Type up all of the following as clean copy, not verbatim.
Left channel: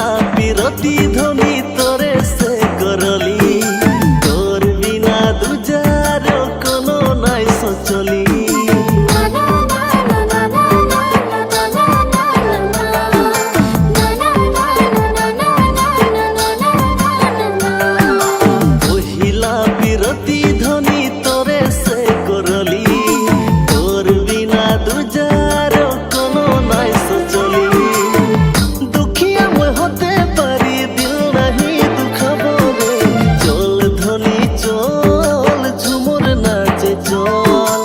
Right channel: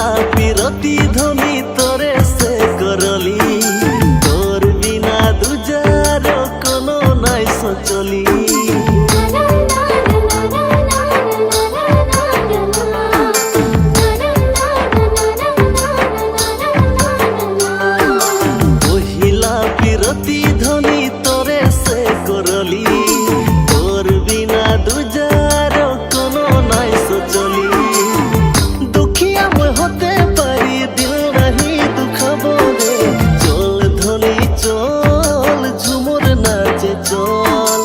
কহিলা পিরতি ধ্বনি তোরে সে করলি তোর বিনা দুজার কোনো নাই সচলি কহিলা পিরতি ধ্বনি তোরে সে করলি তোর বিনা দুজার কোনো নাই সচলি দুখিয়া মই হতে পারি দিল নাহি দুখাব রে চল ধ্বনি চল ঝুমুর নাচে চল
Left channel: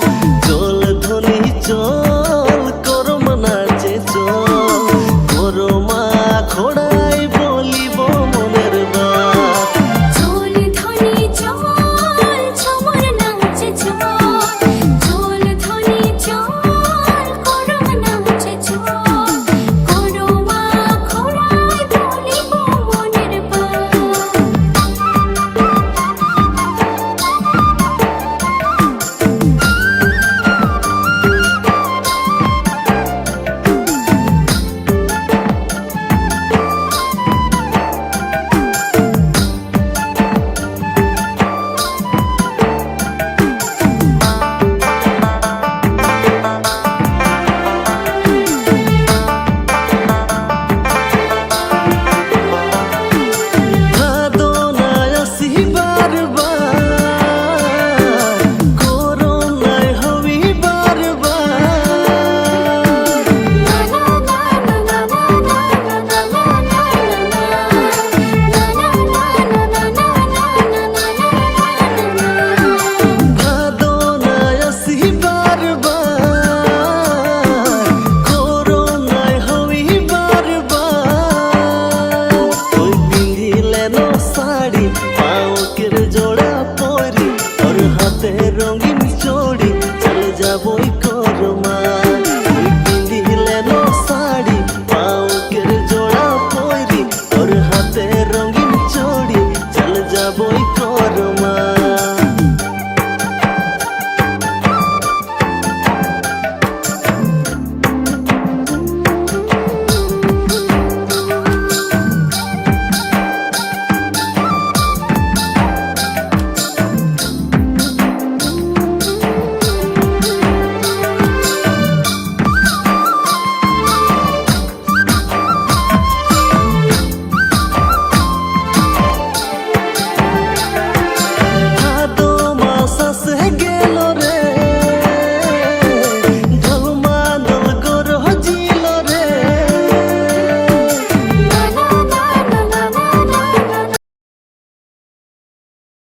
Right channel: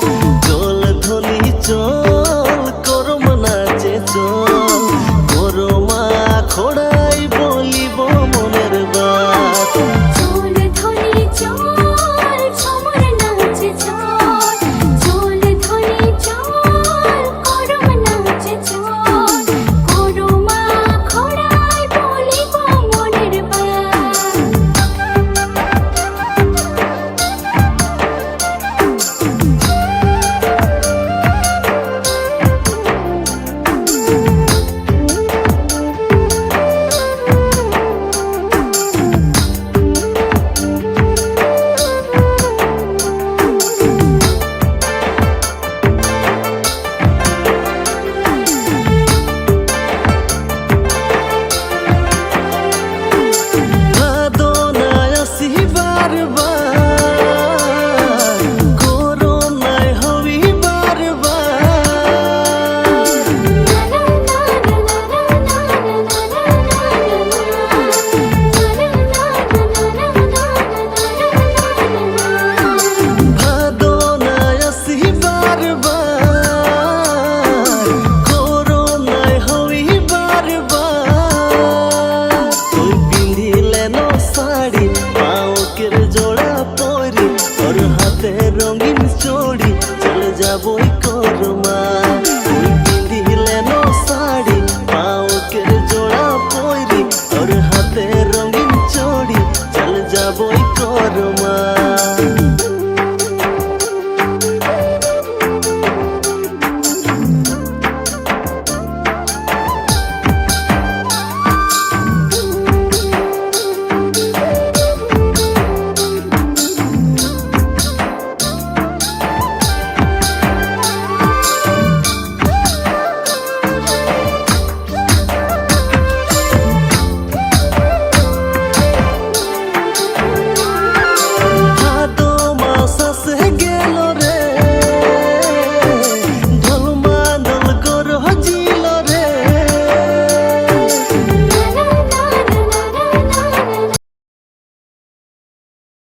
চল ধ্বনি চল করম নাচে চল করমা খোড়া